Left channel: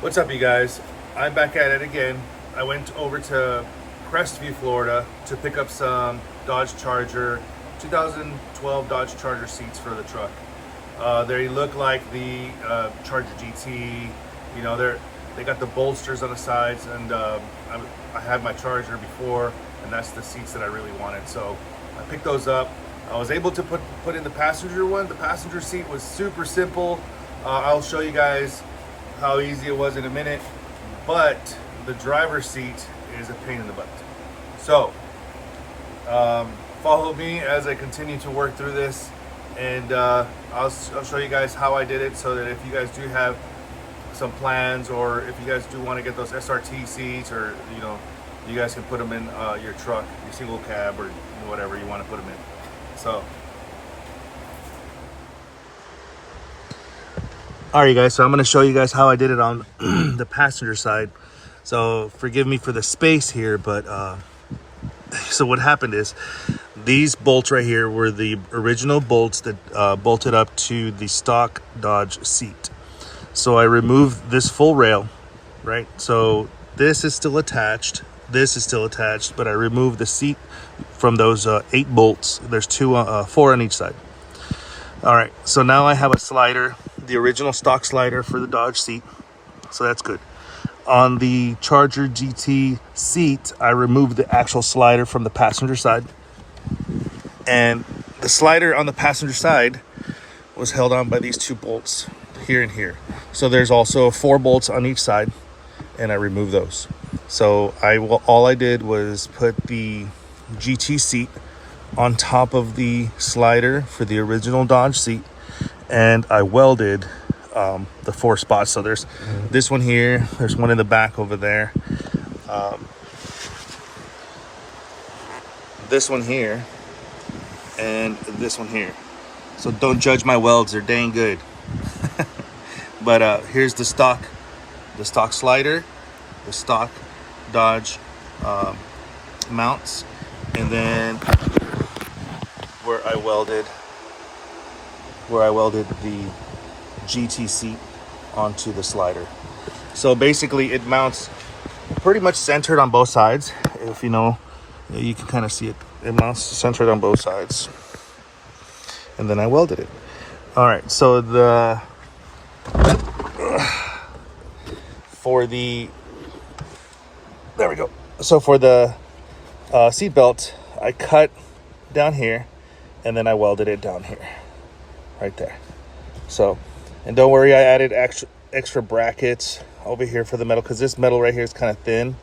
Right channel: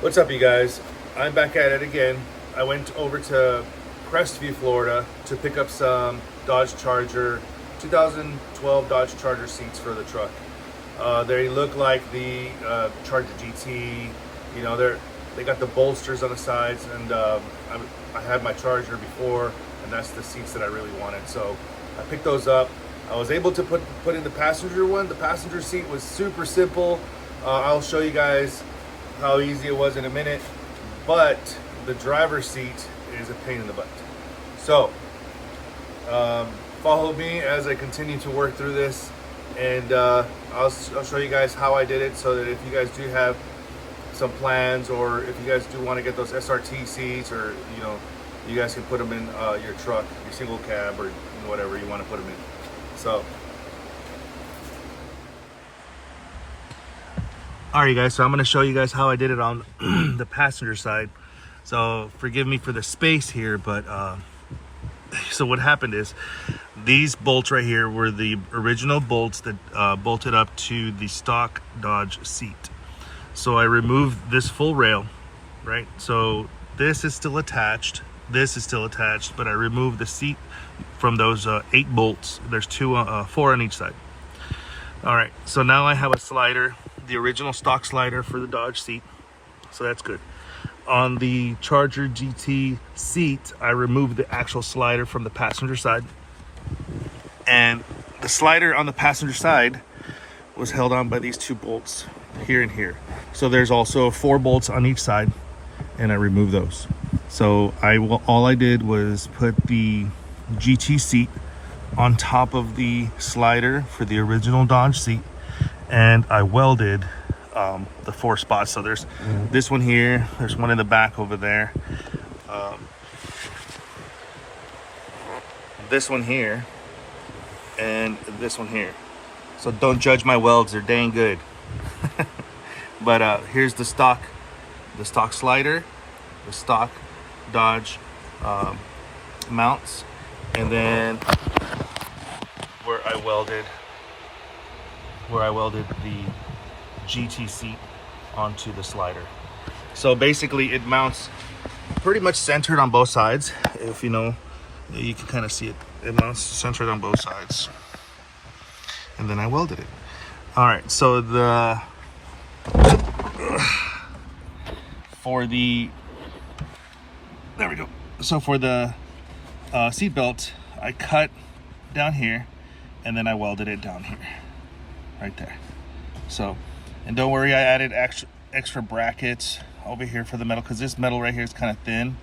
What's up, you guys? I'm back at it again. I went over to Crestview, Florida to pick up some Dodge Charger, 2012 Dodge Charger seats for the truck. They look like the Charger GT. You know, they got the bolsters on the sides, and I had my Charger before, and that's the seats that I really wanted. So I picked those up. I was able to put in the passenger one. The passenger seat was super simple. I'll show you guys how easy it was in a minute, but the driver's seat is a pain in the butt. So follow me as I continue to work through this, and I'll show you guys how I did it, so that if you guys do have some plans, or if you guys do want to get those SRT seats, or you guys can put them in your truck, your single cab, or whatever you want to put them in. So all right, guys, so I'm going to show you guys how I did it on the passenger side. So forgive me for the space here, but so what happened is these bolts right here were the original bolts that bolted up to the stock Dodge seat. So I removed this full rail, right? So this is still attached, this is still attached, but I removed the seat from those 8 bolts. There's 4 on each side. All right, so now I have a slider, the original stock slider for the Dodge seat, so that's good. On the Charger GT seat, I removed the actual slider from the passenger side, and the slider on the passenger side was held on by these 2 bolts here and here. So there's also 4 bolts on each side, and I removed those. So all I did was put the GT seat on top of the slider for the original Dodge seat, and I welded the 4 spots. So there's this one here, there's one in the back over there, this one here, and this one here. So don't judge my welds, they're dang good. But here's the stock slider, the stock Dodge mounts, and then where I welded the GT seat onto the slider. So basically it mounts pretty much centered on both sides. If you can kind of see it. It mounts centered on both sides. And then I welded it. All right, so there we go. So for the seat belt, I cut down here, and then I welded it down here, right there. So, and don't worry, I added extra brackets over here for the metal, because this metal right here is kind of thin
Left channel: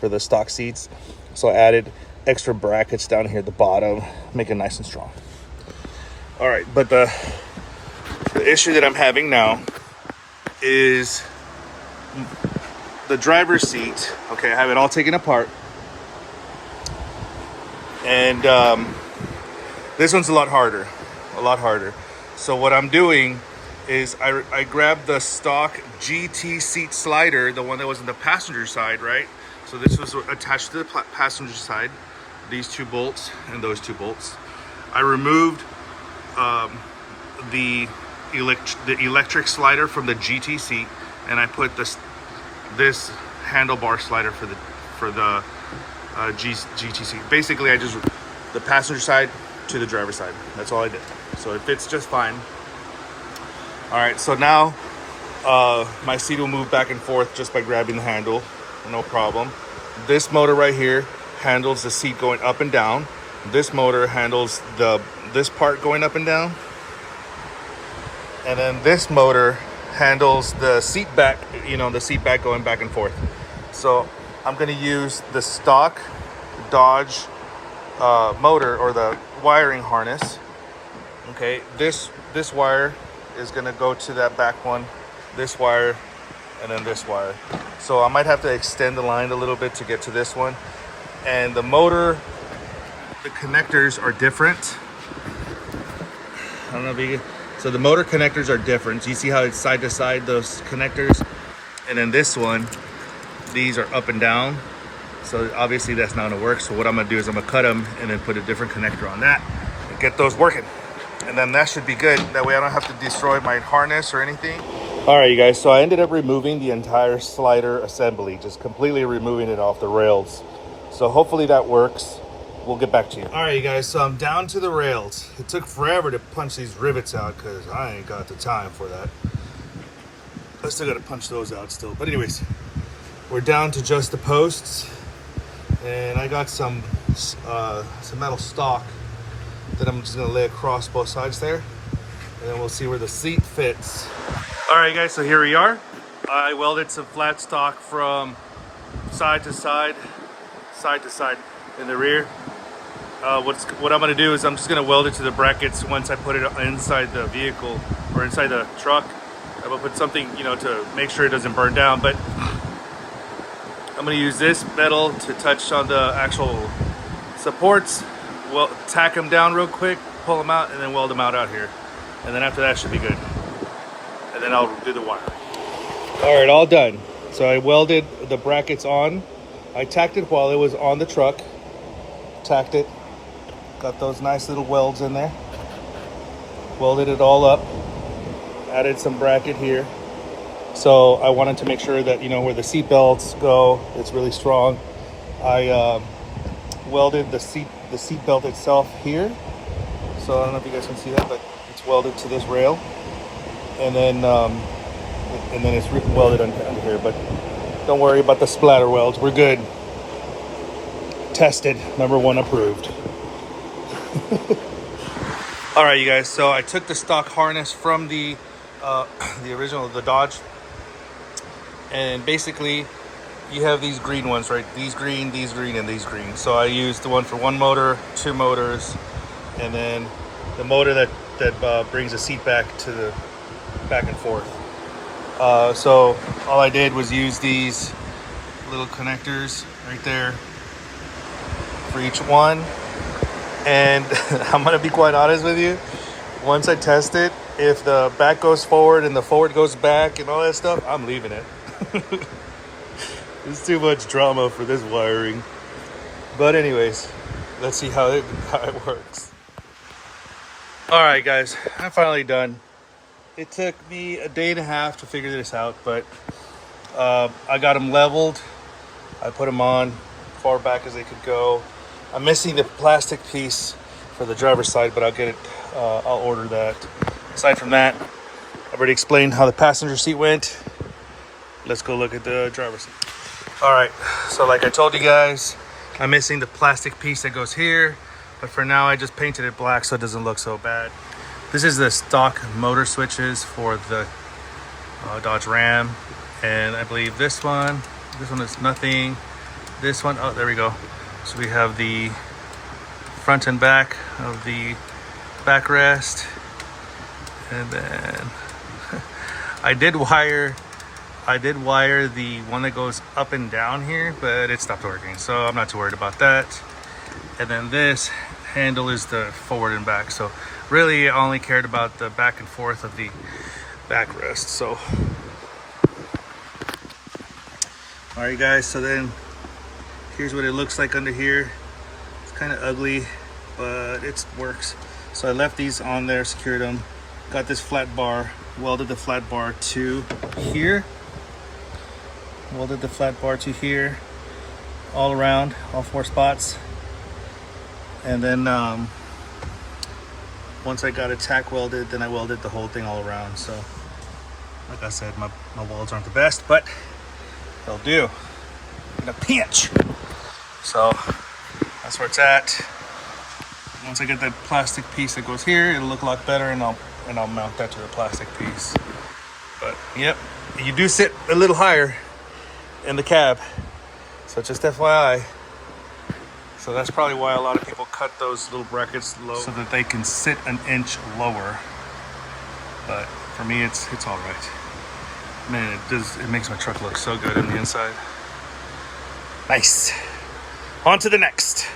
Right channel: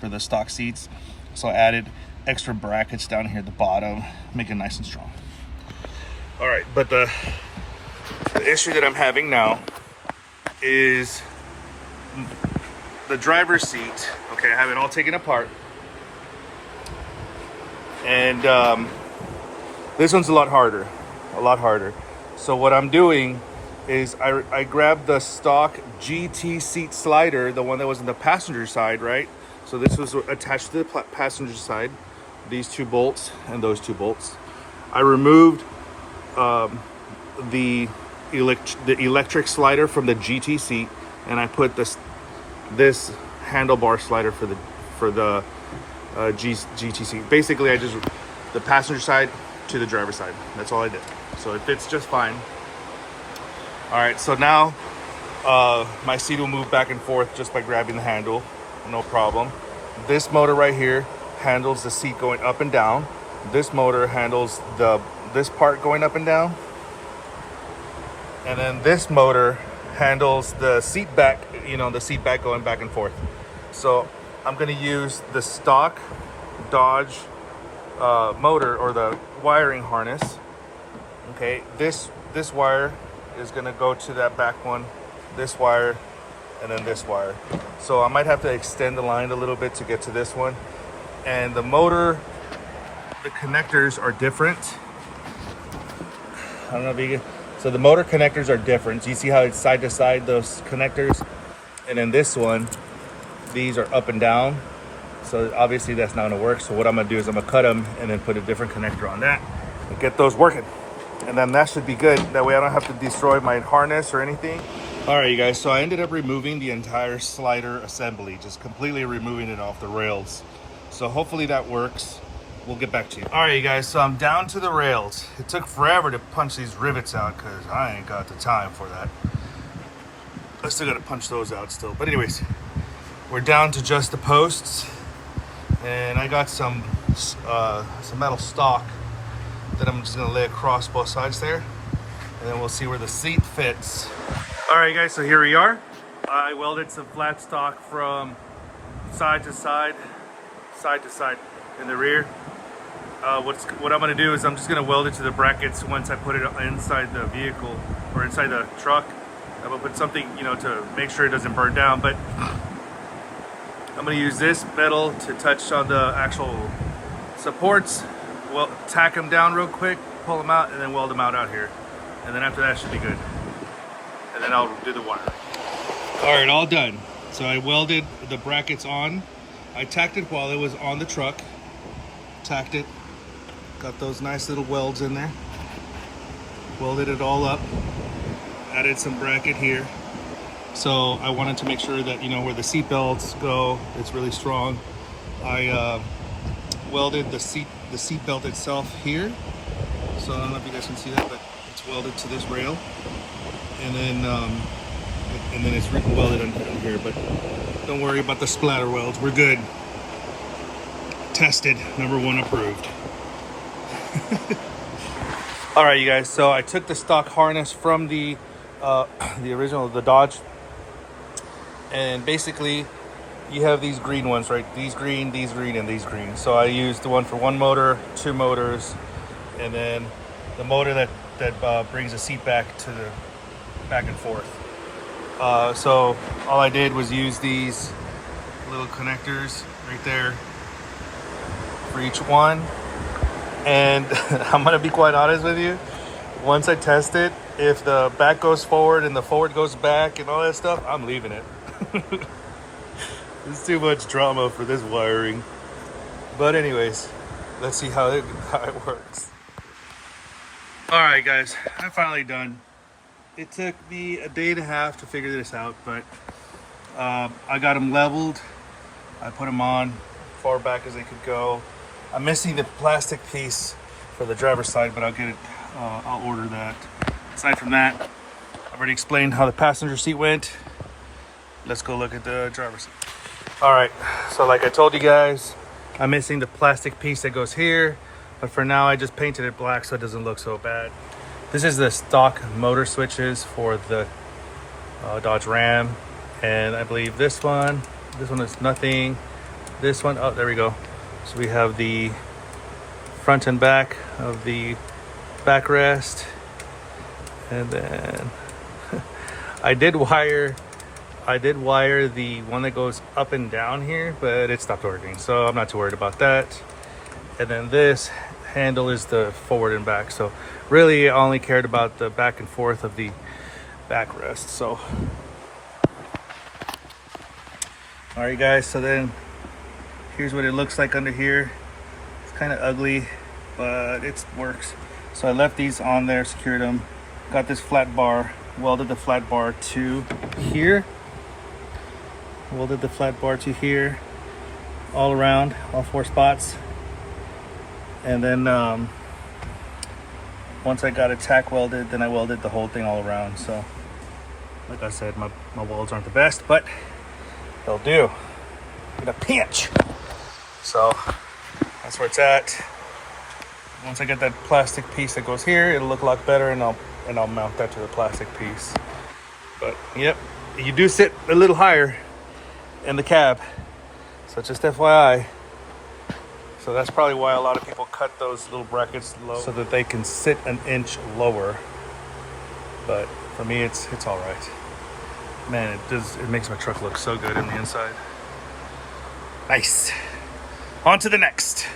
for the stock seats. So I added extra brackets down here at the bottom, make it nice and strong. All right, but the issue that I'm having now is the driver's seat. Okay, I have it all taken apart, and this one's a lot harder. So what I'm doing is I grabbed the stock GT seat slider, the one that was in the passenger side, right? So this was attached to the passenger side, these 2 bolts and those 2 bolts. I removed the electric slider from the GT seat, and I put this handlebar slider for the GT seat. Basically, I just the passenger side to the driver's side. That's all I did. So it fits just fine. All right, so now my seat will move back and forth just by grabbing the handle, no problem. This motor right here handles the seat going up and down. This motor handles this part going up and down. And then this motor handles the seat back, the seat back going back and forth. So I'm gonna use the stock Dodge motor, or the wiring harness. Okay, this wire is gonna go to that back one, this wire, and then this wire. So I might have to extend the line a little bit to get to this one. And the motor, the connectors are different. I don't know if you can. So the motor connectors are different. You see how it's side to side, those connectors? And then this one, these are up and down. So obviously that's not gonna work. So what I'm gonna do is I'm gonna cut them and then put a different connector on that and get those working. And then that should be good. That way I don't have to destroy my harness or anything. All right, you guys, so I ended up removing the entire slider assembly, just completely removing it off the rails. So hopefully that works. We'll get back to you. All right, you guys, so I'm down to the rails. It took forever to punch these rivets out because I ain't got the time for that. I still got to punch those out still. But anyways, we're down to just the posts. And I got some metal stock that I'm just gonna lay across both sides there. And then we'll see where the seat fits. All right, guys, so here we are. I welded some flat stock from side to side in the rear. What I'm gonna do is I'm just gonna weld it to the brackets once I put it inside the vehicle or inside the truck. I'm gonna put something, you know, to make sure it doesn't burn down, but I'm gonna use this metal to touch on the actual supports, well, tack them down real quick, pull them out, and then weld them out here. And then after that should be good. And then I'll do the wiring. All right, all done. So I welded the brackets on. I tacked it while it was on the truck. Tacked it. Got those nice little welds in there. Welded it all up. Added some bracket here. So I wanted to make sure that, you know, where the seat belts go, it's really strong. I welded the seat belt itself here. So I don't know if you guys can see that, but it's welded to this rail. And then it's welded under here, but don't worry about the splatter welds. We're good. Tested, #1 approved. All right, you guys. So I took the stock harness from the original, the Dodge, and basically you have these green ones, right? These green, and these green. So I used the one for one motor, 2 motors, and then the motor that brings the seat back and forth. So all I did was use these little connectors right there for each one. And I'm gonna be quite honest with you. Once I test it, if the back goes forward and the forward goes back and all that stuff, I'm leaving it. It's too much drama for this wiring. But anyways, let's see how it works. All right, guys, I'm finally done. It took me a day and a half to figure this out, but I got them leveled. I put them on far back as they could go. I'm missing the plastic piece for the driver's side, but I'll get it. I'll order that. Aside from that, I've already explained how the passenger seat went. Let's go look at the driver's seat. All right, so like I told you guys, I'm missing the plastic piece that goes here, but for now I just painted it black so it doesn't look so bad. This is the stock motor switches for the Dodge Ram, and I believe this one is nothing. This one, oh, there we go. So we have the front and back of the backrest, and then I did wire the one that goes up and down here, but it stopped working, so I'm not too worried about that. And then this handle is the forward and back, so really I only cared about the back and forth of the backrest. So all right, guys, so then here's what it looks like under here. It's kind of ugly, but it works. So I left these on there, secured them, got this flat bar, welded the flat bar to here, all around, all 4 spots. And then once I got it tack welded, then I welded the whole thing all around. So like I said, my welds aren't the best, but they'll do in a pinch. So that's where it's at. Once I get that plastic piece that goes here, it'll look a lot better, and I'll mount that to the plastic piece. But yep, you do sit a little higher in the cab, so just FYI. So that's probably why a lot of people cut those little brackets low, so that they can sit an inch lower. But for me, it's all right. Man, it makes my truck look so good on the inside. Nice. On to the next.